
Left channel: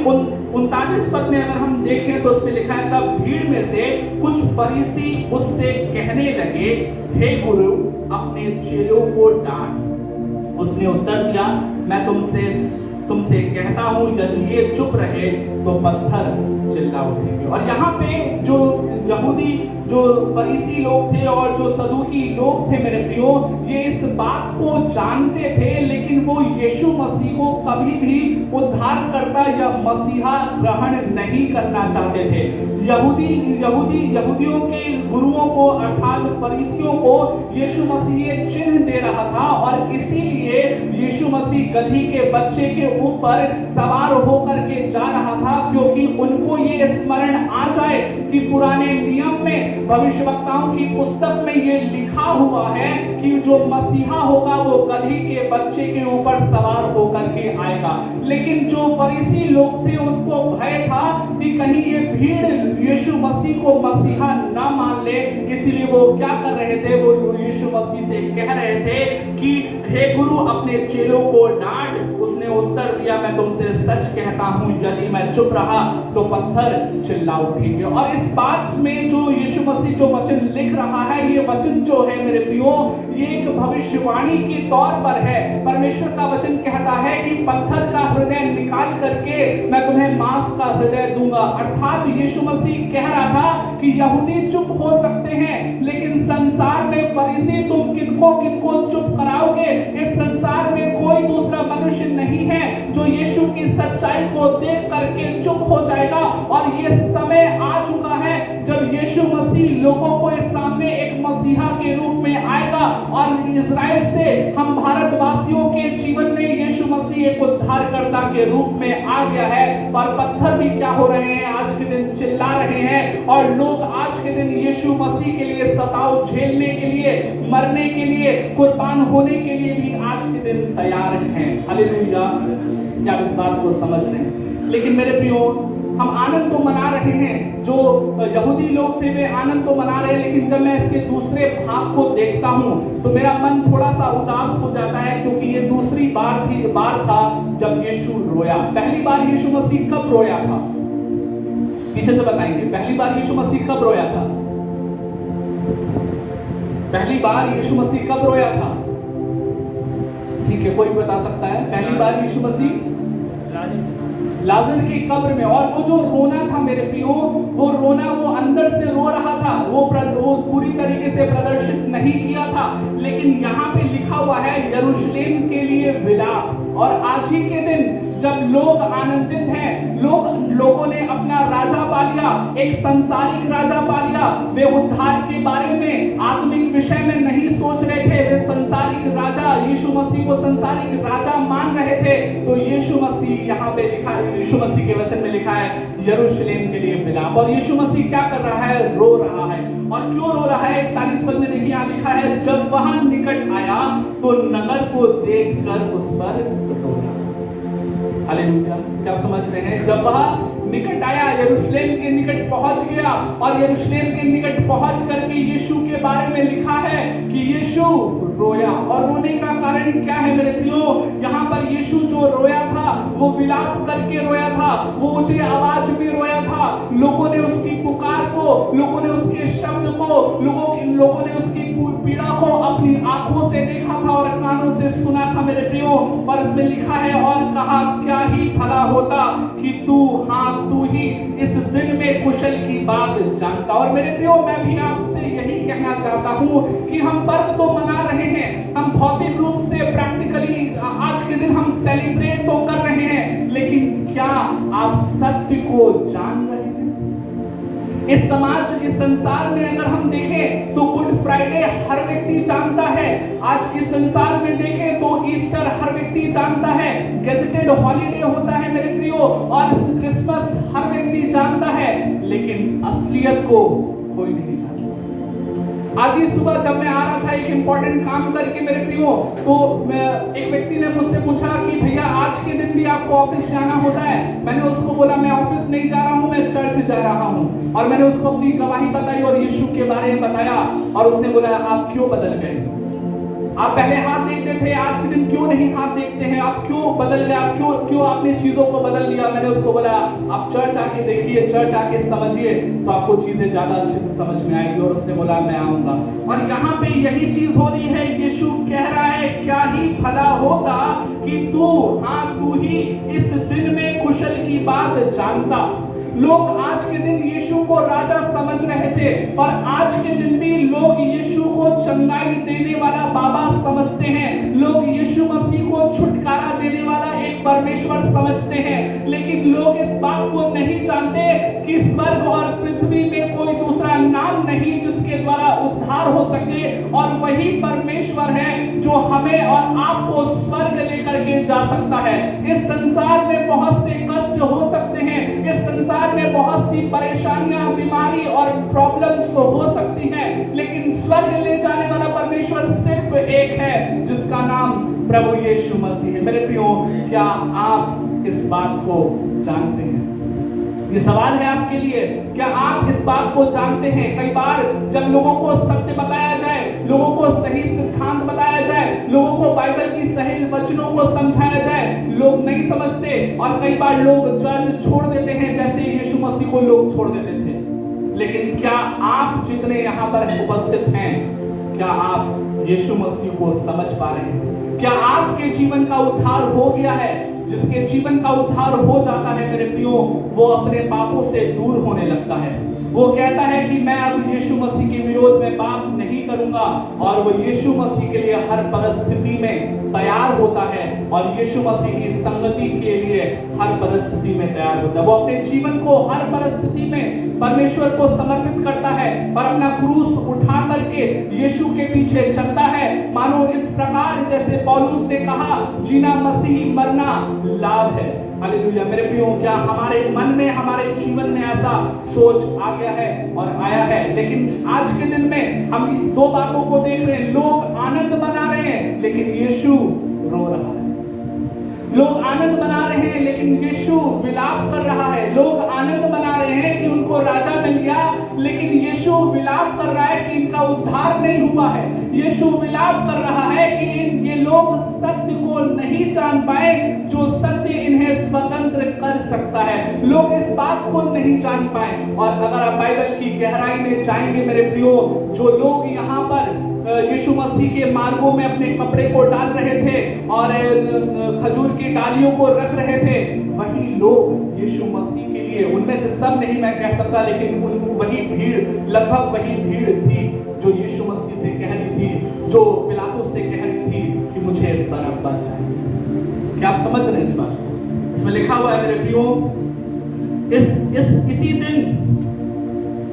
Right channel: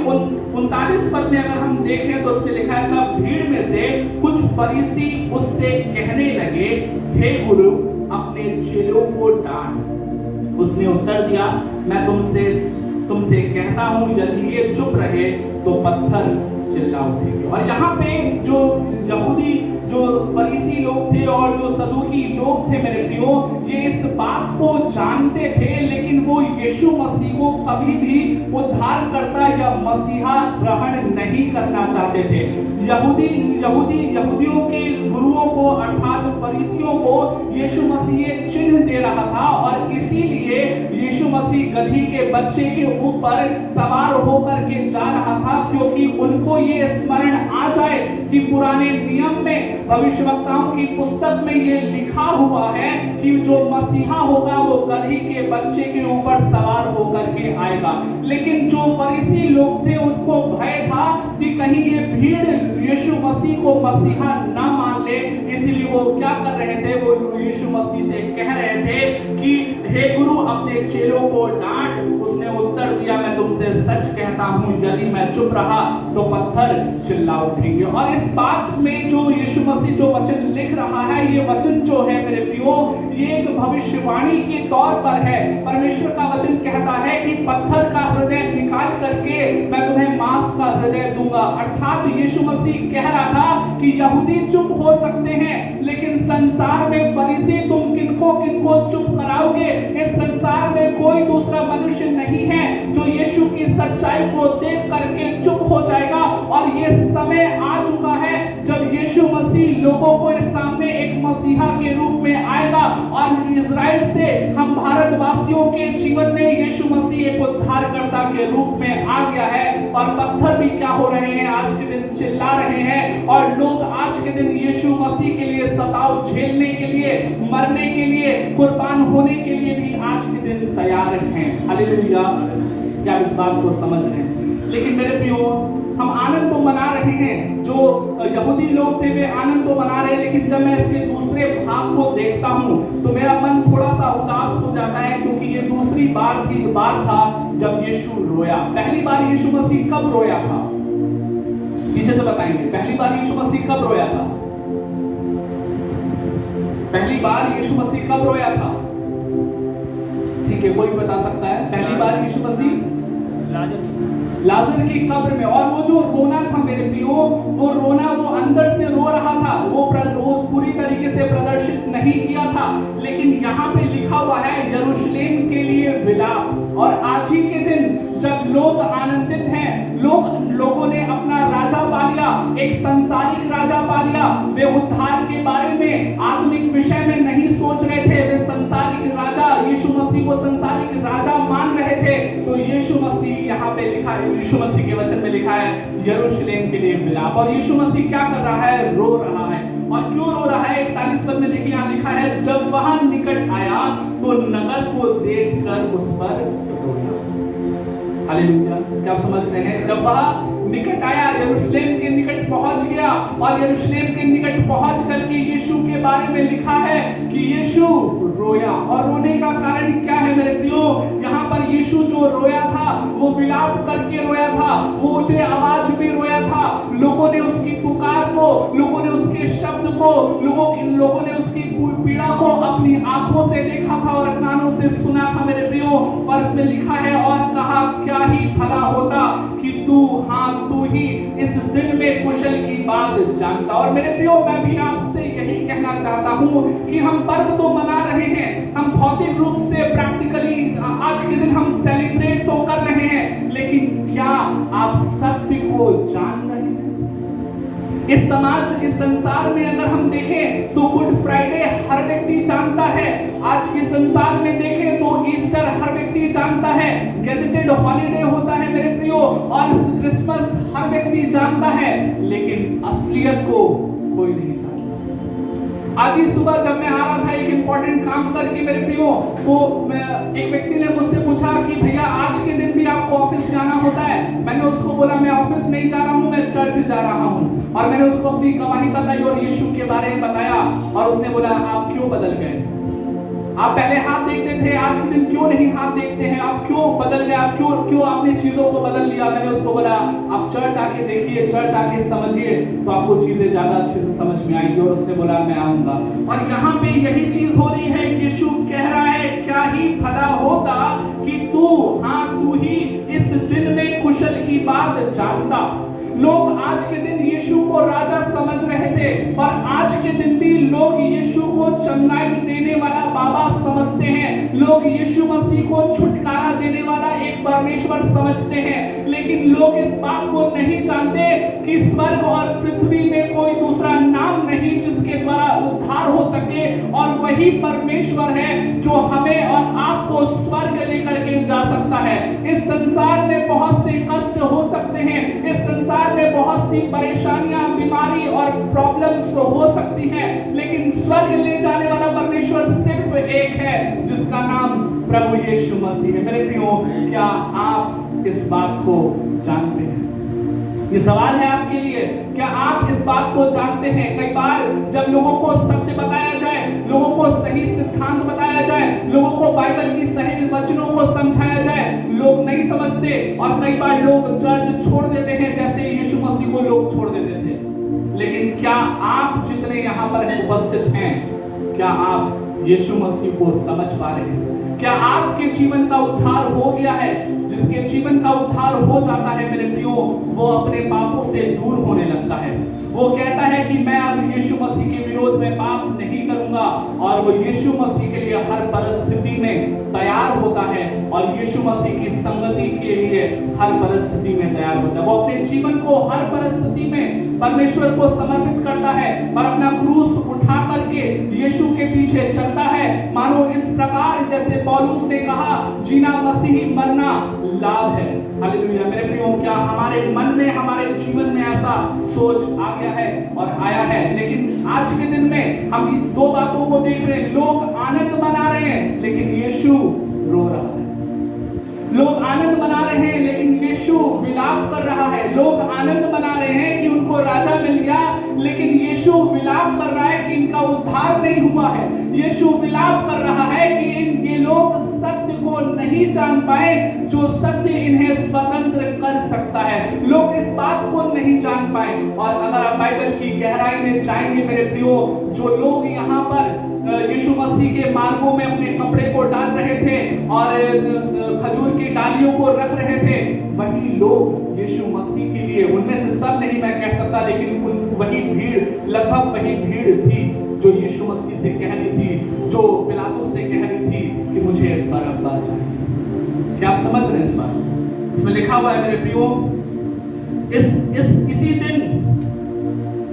39 पद में अगर हम देखें तो उसमें लिखा है तब भीड़ में से कुछ फरीसी उससे कहने लगे, हे गुरु अपने चेलों को डांट। उसने उत्तर दिया, मैं तुमसे कहता हूं यदि ये चुप रहे तो पत्थर चिल्ला उठेंगे। और यहाँ पे जो यहूदी, जो फरीसी लोग थे और जो सदूकी लोग थे मेरे प्रियो, ये इस बात को जानते थे, लेकिन वो यीशु मसीह को कभी भी उद्धारकर्ता या मसीहा ग्रहण नहीं करना चाहते थे। यहूदियों के गुरुओं को अर्थात फरीसियों को यीशु मसीह एक चिन्ह दे रहा था और इसीलिए यीशु मसीह गधी के बच्चे के ऊपर सवार होकर के जा रहा क्योंकि उनको ये स्मरण आ जाए कि पुराने नियम में भविष्यवक्ताओं की पुस्तक में ये लिखा हुआ है कि जो मसीहा होगा वो गदही के बच्चे के ऊपर सवार होकर के आएगा। लेकिन जो फरीसी लोग थे उनको भय था कि कहीं ये भीड़ यीशु मसीह को मसीहा ना मान ले, इसलिए वो क्या कर रहे थे, वो यीशु मसीह से कह रहे थे कि हे गुरु अपने चेलों को डांट। उसने उत्तर दिया, मैं तुमसे सच कहता हूं यदि मैं चुप रहा तो पत्थर चिल्ला उठेंगे। और इस बात में जो यीशु मसीह जो वचन लिख रहा है, ये वचन जो है मेरे प्रियो, ये एक भविष्यवाणी के तौर पर है। परमेश्वर का वचन कहता है कि पत्थर का हृदय निकाल करके मैं तुम्हें मांस का हृदय दूंगा। अर्थात यीशु मसीह कह रहा था कि यहूदी चुप हो सकते हैं, लेकिन संसार में फरीसी तुम किनको किनको चुप कराओगे। इस संसार में कोई दूसरा मनुष्य नहीं है जो यीशु की सच्चाई को देख करके चुप हो जाएगा। और ये समय आ चुका है जब यीशु मसीह लोगों को इस सामने एक मसीहा के रूप में आएगा। और इजराइल से हम भारतवासियों के जीवन में यीशु मसीह एक उद्धारकर्ता के रूप में आ गया है। और पत्थर भी क्या हो रहे हैं, आज के दिन चिल्ला रहे हैं। और लोग आज के दिन यीशु मसीह के लिए सताव झेलने के लिए, मरने के लिए, कुर्बान होने के लिए भी आज के दिन तैयार हैं। हालेलुया, क्या इस बात को समझ रहे हैं? लेकिन मेरे प्रियो, हम आनंद तो मना रहे हैं, जो यहूदी लोग थे वे आनंद तो मना रहे हैं, लेकिन जब मैं इसके दूसरे भाग को देखता हूं तो मेरा मन थोड़ा सा उदास हो जाता है, क्योंकि ये दूसरी बार था जब यीशु रोया। पहली बार यीशु मसीह कब रोया था? पीछे से बताएंगे, पहली बार यीशु मसीह कब रोया था? पहली बार यीशु मसीह कब रोया था? ठीक है, कोई बता सकता है? पहली बार यीशु मसीह लाजर की कब्र में। और वो जो रोना था मेरे प्रियो, वो रोना वो अंदर से रो रहा था, वो पूरी तरीके से प्रदर्शित नहीं किया था। लेकिन यहाँ पे लिखा हुआ है यरूशलेम के लिए विलाप। और आज ही के दिन जब लोग आनंदित हैं, लोगों ने अपना राजा पा लिया, एक सांसारिक राजा पा लिया। वे उद्धार के बारे में, आत्मिक विषय में नहीं सोच रहे थे, वे सांसारिक राजा यीशु मसीह को सांसारिक राजा मान रहे थे। तो यीशु मसीह यहाँ पे लिखा है, यीशु मसीह के वचन में लिखा है यरूशलेम के लिए विलाप। और यीशु मसीह क्या कर रहा है? रो रहा है। और क्यों रो रहा है? 41 पद में देखिए, यहाँ लिखा है जब वह निकट आया तो नगर को देखकर उस पर रोया। हालेलुया, क्या समझ रहे हैं? जब वह निकट आया, यरूशलेम के निकट पहुंच गया। और यरूशलेम के निकट पहुंच करके यीशु के बारे में लिखा है कि यीशु रोया। और रोने का कारण क्या है मेरे प्रियो? यहाँ पर यीशु जो रोया था वो विलाप करके रोया था, वो ऊंचे आवाज में रोया था। लोगों ने उसकी पुकार को, लोगों ने उसके शब्द को, लोगों ने उसकी पीड़ा को अपनी आंखों से देखा था और कानों से सुना था मेरे प्रियो। और इसमें लिखा है और कहा क्या ही भला होता कि तू ही इस दिन में कुशल की बात जानता। और मेरे प्रियो, मैं भी आपसे यही कहना चाहता हूँ कि हम पर्व तो मना रहे हैं, हम भौतिक रूप से प्रैक्टिकली आज के दिन हम सेलिब्रेट तो कर रहे हैं, लेकिन क्या आप सत्य को जान रहे हैं? इस समाज, इस संसार में अगर हम देखें तो गुड फ्राइडे हर व्यक्ति जानता है। आज इस संसार में देखें तो ईस्टर हर व्यक्ति जानता है, गैजेटेड हॉलिडे होता है मेरे प्रियो। और क्रिसमस हर व्यक्ति जानता है, लेकिन असलियत को कोई नहीं जानता। आज ही सुबह जब मैं आ रहा था एक इंपॉर्टेंट काम करके मेरे प्रियो, तो एक व्यक्ति ने मुझसे पूछा कि भैया आज के दिन भी आपको ऑफिस जाना होता है? मैंने उसको बोला मैं ऑफिस नहीं जा रहा हूँ, मैं चर्च जा रहा हूँ। और मैंने उसको अपनी गवाही बताई और यीशु के बारे में बताया। और उसने बोला आप क्यों बदल गए? आप पहले हाथ देखते थे, आज के दिन क्यों नहीं हाथ देखते हैं? आप क्यों बदल गए? आप क्यों आपने चीजों को बदल लिया? मैंने उसको बोला आप चर्च आके देखिए, चर्च आके समझिए, तो आपको चीजें ज्यादा अच्छे से समझ में आएगी। और उसने बोला मैं आऊंगा। और यहाँ पे यही चीज हो रही है, यीशु कह रहा है क्या ही भला होता कि तू ही इस दिन में कुशल की बात जानता। लोग आज के दिन यीशु को राजा समझ रहे थे, और आज के दिन भी लोग यीशु को चंगाई देने वाला बाबा समझते हैं। लोग यीशु मसीह को छुटकारा देने वाला एक परमेश्वर समझते हैं। लेकिन लोग इस बात को नहीं जानते कि स्वर्ग और पृथ्वी में कोई दूसरा नाम नहीं जिसके द्वारा उद्धार हो सके। और वही परमेश्वर है जो हमें और आपको स्वर्ग लेकर के जा सकता है। इस संसार में बहुत से कष्ट हो सकते हैं, इस संसार में बहुत सी परेशानियां, बीमारी और प्रॉब्लम्स हो सकती हैं, लेकिन स्वर्ग ले जाने वाला परमेश्वर सिर्फ एक है, जिसका नाम प्रभु यीशु मसीह है। मेरे प्रियो, क्या आप इस बात को जानते हैं? ये सवाल है आपके लिए, क्या आप इस बात को जानते हैं? कई बार जब लोगों को सत्य बताया जाए, लोगों को सही सिद्धांत बताया जाए, लोगों को बाइबल की सही वचनों को समझाया जाए, लोग नहीं समझते और कई बार लोग चर्च छोड़ देते हैं, जैसे यीशु मसीह को लोग छोड़ देते थे। लेकिन क्या आप जितने यहाँ पर उपस्थित हैं, क्या आप यीशु मसीह को समझ पा रहे हैं? क्या आपके जीवन का उद्धार हो गया है? जिसके जीवन का उद्धार हो जाता है मेरे प्रियो, वो अपने पापों से दूर होने लगता है। वो कहता है कि मैं अब यीशु मसीह के विरोध में पाप नहीं करूंगा, और वो यीशु मसीह के लिए हर परिस्थिति में तैयार होता है और यीशु मसीह की संगति के लिए हर परिस्थिति में तैयार होता है। वो अपने जीवन को हर परिस्थिति में परमेश्वर को समर्पित करता है और अपना क्रूस उठा करके यीशु के पीछे चलता है। मानो इस प्रकार जैसे पौलुस ने कहा, जीना मसीह, मरना लाभ है। हालेलुया। मेरे प्रियो, क्या हमारे मन में, हमारे जीवन में ऐसा सोच आ गया है और आया है? लेकिन आज के दिन में हम दो बातों को देख रहे हैं। लोग आनंद मना रहे हैं, लेकिन यीशु रो रहा है। लोग आनंद मना रहे हैं, लेकिन यीशु विलाप कर रहा है। लोग आनंद मना रहे हैं कि उनको राजा मिल गया, लेकिन यीशु विलाप कर रहा है कि इनका उद्धार नहीं हुआ है। यीशु विलाप कर रहा है कि ये लोग सत्य को नहीं जान पाए, जो सत्य इन्हें स्वतंत्र कर सकता है। लोग इस बात को नहीं जान पाए। और अगर आप बाइबल की गहराई में जाएंगे मेरे प्रियो, जो लोग यहाँ पर यीशु मसीह के मार्गों में अपने कपड़े को डाल रहे थे और खजूर की डालियों को रख रहे थे, वही लोग यीशु मसीह के लिए, उनमें से सब नहीं मैं कह सकता, लेकिन वही भीड़, लगभग वही भीड़ थी जो यीशु मसीह से कह रही थी, जो पिलातुस से कह रही थी कि मुझे बरअब्बा चाहिए। क्या आप समझ रहे हैं इस बात? इसमें लिखा हुआ है मेरे प्रियो, इसी दिन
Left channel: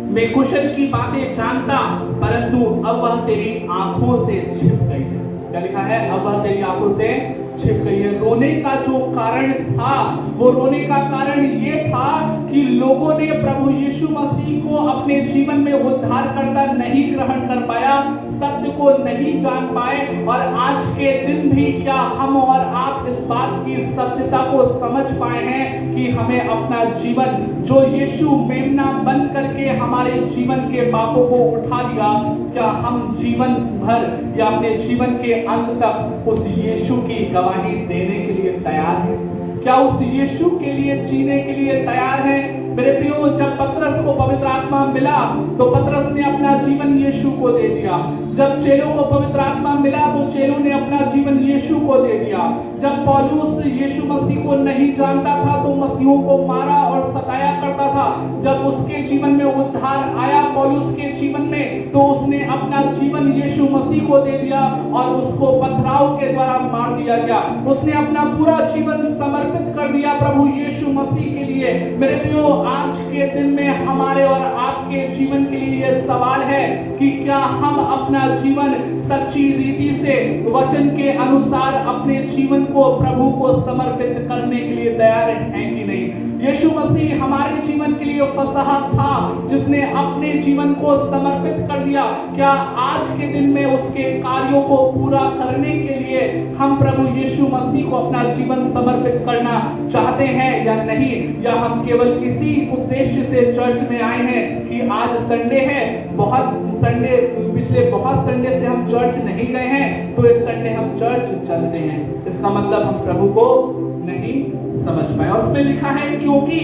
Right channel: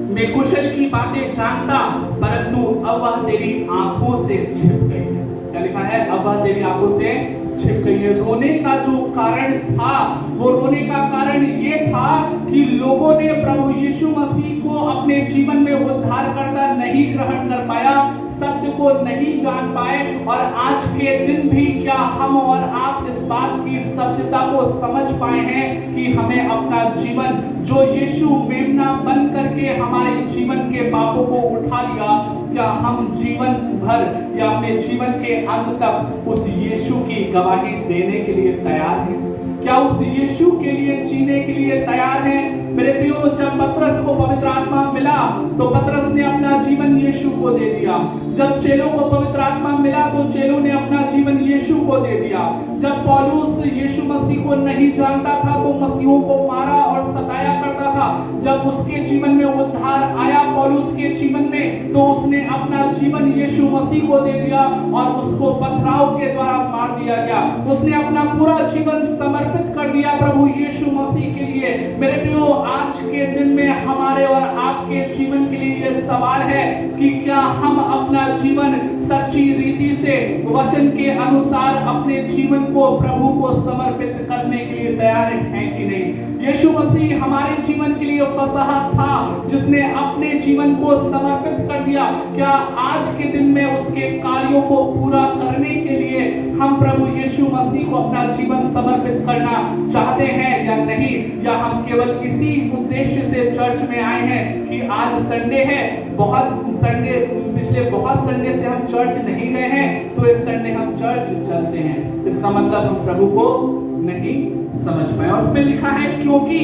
मैं कुशल की बातें जानता, परंतु अब वह तेरी आंखों से छिप गई है। क्या लिखा है? अब वह तेरी आंखों से छिप गई है। रोने का जो कारण था, वो रोने का कारण ये था कि लोगों ने प्रभु यीशु मसीह को अपने जीवन में उद्धारकर्ता नहीं ग्रहण कर पाया, सत्य को नहीं जान पाए। और आज के दिन भी क्या हम और आप इस बात की सत्यता को समझ पाए हैं कि हमें अपना जीवन, जो यीशु मेमना बन करके हमारे जीवन के पापों को उठा लिया, क्या हम जीवन भर या अपने जीवन के अंत तक उस यीशु की गवाही देने के लिए तैयार हैं? क्या उस यीशु के लिए जीने के लिए तैयार हैं? मेरे प्रियो, जब पतरस को पवित्र आत्मा मिला तो पतरस ने अपना जीवन यीशु को दे दिया। जब चेलों को पवित्र आत्मा मिला तो चेलों ने अपना जीवन यीशु को दे दिया। जब पौलुस यीशु मसीह को नहीं जानता था तो मसीहों को मारा और सताया करता था। जब उसके जीवन में उद्धार आया पौलुस के जीवन में, तो उसने अपना जीवन यीशु मसीह को दे दिया और उसको पथराव के द्वारा मार दिया गया। उसने अपना पूरा जीवन समर्पित कर दिया प्रभु यीशु मसीह के लिए। मेरे प्रियो, आज के दिन में हमारे और आपके जीवन के लिए यह सवाल है कि क्या हम अपना जीवन सच्ची रीति से वचन के अनुसार अपने जीवन को प्रभु को समर्पित करने के लिए तैयार हैं कि नहीं? यीशु मसीह हमारे जीवन के लिए फसह था, जिसने अपने जीवन को समर्पित कर दिया। क्या आज के दिन में उसके कार्यों को पूरा करने के लिए हम प्रभु यीशु मसीह को अपना जीवन समर्पित करना चाहते हैं या नहीं? या हम केवल इसी उद्देश्य से चर्च में आए हैं कि आज संडे है, पिछले बहुत संडे से हम चर्च नहीं गए हैं, तो इस संडे हम चर्च चलते हैं। इसका मतलब हम प्रभु को नहीं समझ पाए। और उसमें लिखा है, क्योंकि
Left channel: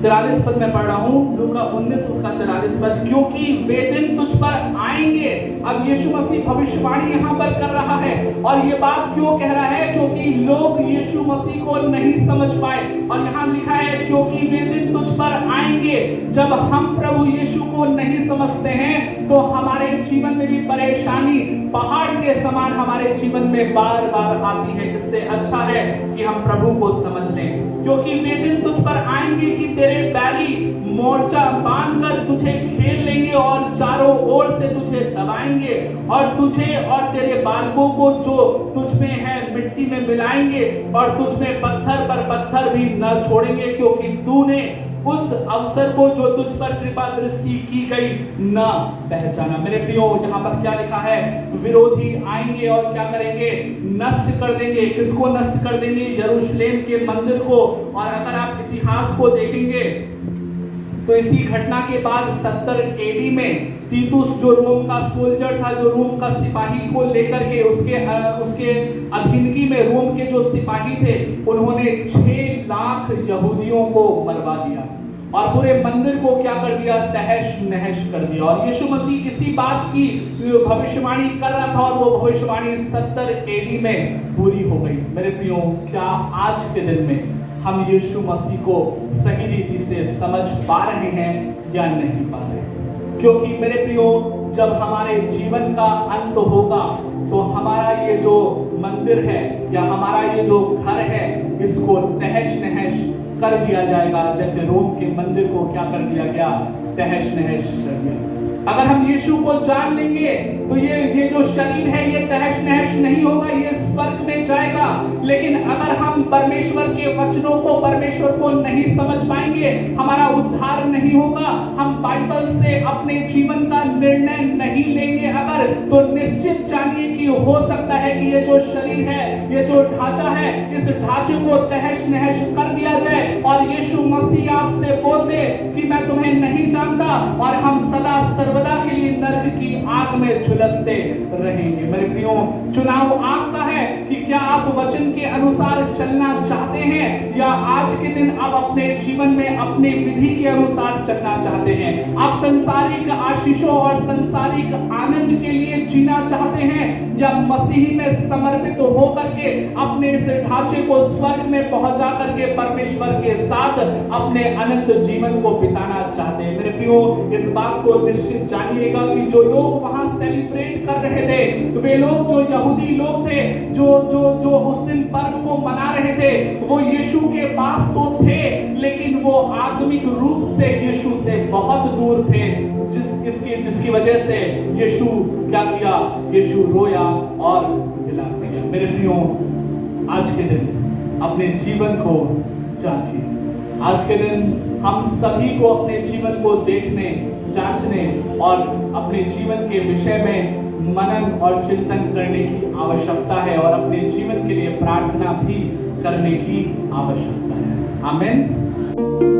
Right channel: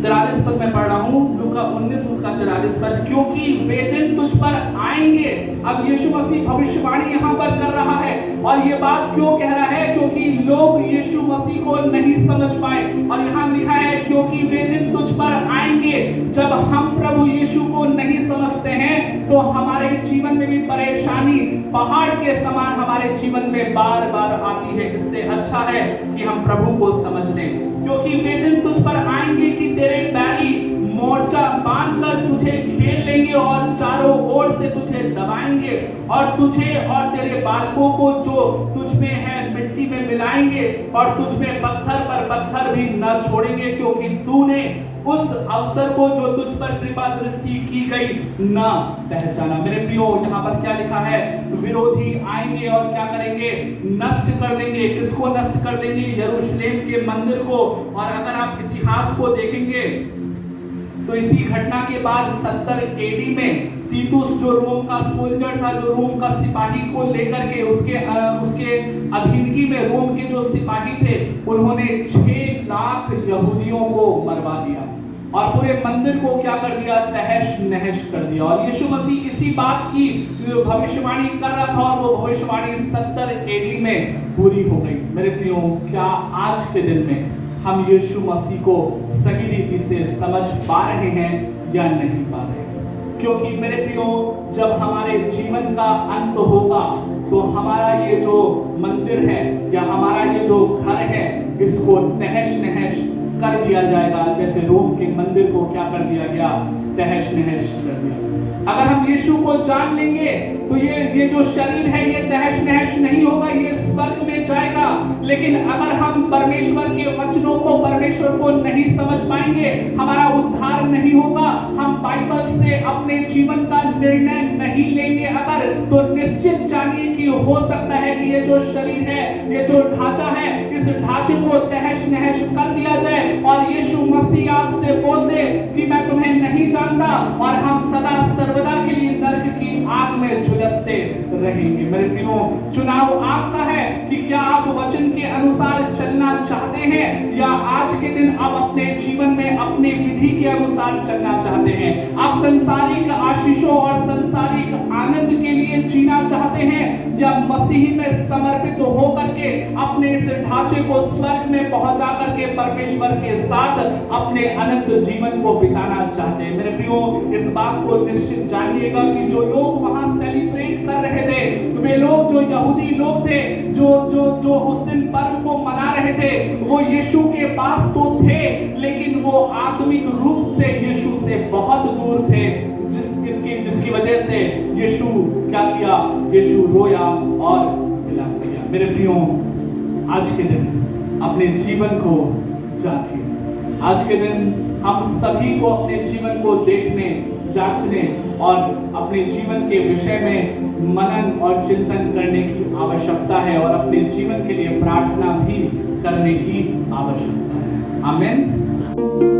43 पद में पढ़ रहा हूं, लूका 19 उसका 43 पद, क्योंकि वे दिन तुझ पर आएंगे। अब यीशु मसीह भविष्यवाणी यहाँ पर कर रहा है, और ये बात क्यों कह रहा है? क्योंकि लोग यीशु मसीह को नहीं समझ पाए। और यहाँ लिखा है, क्योंकि वे दिन तुझ पर आएंगे। जब हम प्रभु यीशु को नहीं समझते हैं तो हमारे जीवन में भी परेशानी पहाड़ के समान हमारे जीवन में बार बार आती है। इससे अच्छा है कि हम प्रभु को समझ लें, क्योंकि वे दिन तुझ पर आएंगे आएंगे कि तेरे बैरी मोर्चा बांधकर तुझे घेर लेंगे और चारों ओर से तुझे दबाएंगे और तुझे और तेरे बालकों को जो तुझ में है मिट्टी में मिलाएंगे और तुझ में पत्थर पर पत्थर भी न छोड़ेंगे, क्योंकि तूने उस अवसर को जो तुझ पर कृपा दृष्टि की गई न पहचाना। मेरे प्रियो, यहाँ पर क्या लिखा है? विरोधी आएंगे और क्या करेंगे? नष्ट कर देंगे। किसको नष्ट कर देंगे? यरूशलेम के मंदिर को। और अगर आप इतिहास को देखेंगे तो इसी घटना के बाद 70 एडी में तीतुस जो रोम का सोल्जर था, जो रोम का सिपाही को लेकर के उसके अधीनगी में रोम के जो सिपाही थे, उन्होंने 6 लाख यहूदियों को मरवा दिया और पूरे मंदिर को क्या कर दिया? तहस नहस कर दिया। और यीशु मसीह इसी बात की भविष्यवाणी कर रहा था और वो भविष्यवाणी 70 एडी में पूरी हो गई। मेरे प्रियो, क्या आज के दिन में हम यीशु मसीह को सही रीति से समझ पा रहे हैं या नहीं पा रहे? क्योंकि मेरे प्रियो, जब हमारे जीवन का अंत होगा तो हमारा ये जो मंदिर है या हमारा ये जो घर है, इसको तहस नहस कर दिया जाएगा, जैसे रोम के मंदिर को क्या कर दिया गया? तहस नहस कर दिया। अगर हम यीशु को जान लेंगे तो ये जो शरीर है ये तहस नहस नहीं होगा, ये स्वर्ग में जाएगा। लेकिन अगर हम परमेश्वर के वचनों को, परमेश्वर को नहीं समझ पाएंगे, हमारा उद्धार नहीं होगा, हम बाइबल से अपने जीवन का निर्णय नहीं लेंगे अगर, तो निश्चित जानिए कि हो सकता है कि ये जो शरीर है, ये जो ढांचा है, इस ढांचे को तहस नहस कर दिया जाए और यीशु मसीह आपसे बोल दे कि मैं तुम्हें नहीं जानता, और हम सदा सर्वदा के लिए नरक की आग में झुलसते रहेंगे। मेरे प्रियो, चुनाव आपका है कि क्या आप वचन के अनुसार चलना चाहते हैं या आज के दिन आप अपने जीवन में अपनी विधि के अनुसार चलना चाहते हैं। आप संसारिक आशीषों और संसारिक आनंद के लिए जीना चाहते हैं या मसीह में समर्पित होकर के अपने इस ढांचे को स्वर्ग में पहुंचा करके परमेश्वर के साथ अपने अनंत जीवन को बिताना चाहते हैं। मेरे प्रियो, इस बात को निश्चित जानिएगा कि जो लोग वहां सेलिब्रेट कर रहे थे, वे लोग जो यहूदी लोग थे, जो उस दिन पर्व को मना रहे थे, वो यीशु के पास तो थे, लेकिन वो आत्मिक रूप से यीशु से बहुत दूर थे, जिसकी वजह से यीशु क्या किया? यीशु रोया और विलाप किया। मेरे प्रियो, आज के दिन अपने जीवन को जांचिए। आज के दिन हम सभी को अपने जीवन को देखने, जांचने और अपने जीवन के विषय में मनन और चिंतन करने की आवश्यकता है और अपने जीवन के लिए प्रार्थना भी करने की आवश्यकता है। आमीन।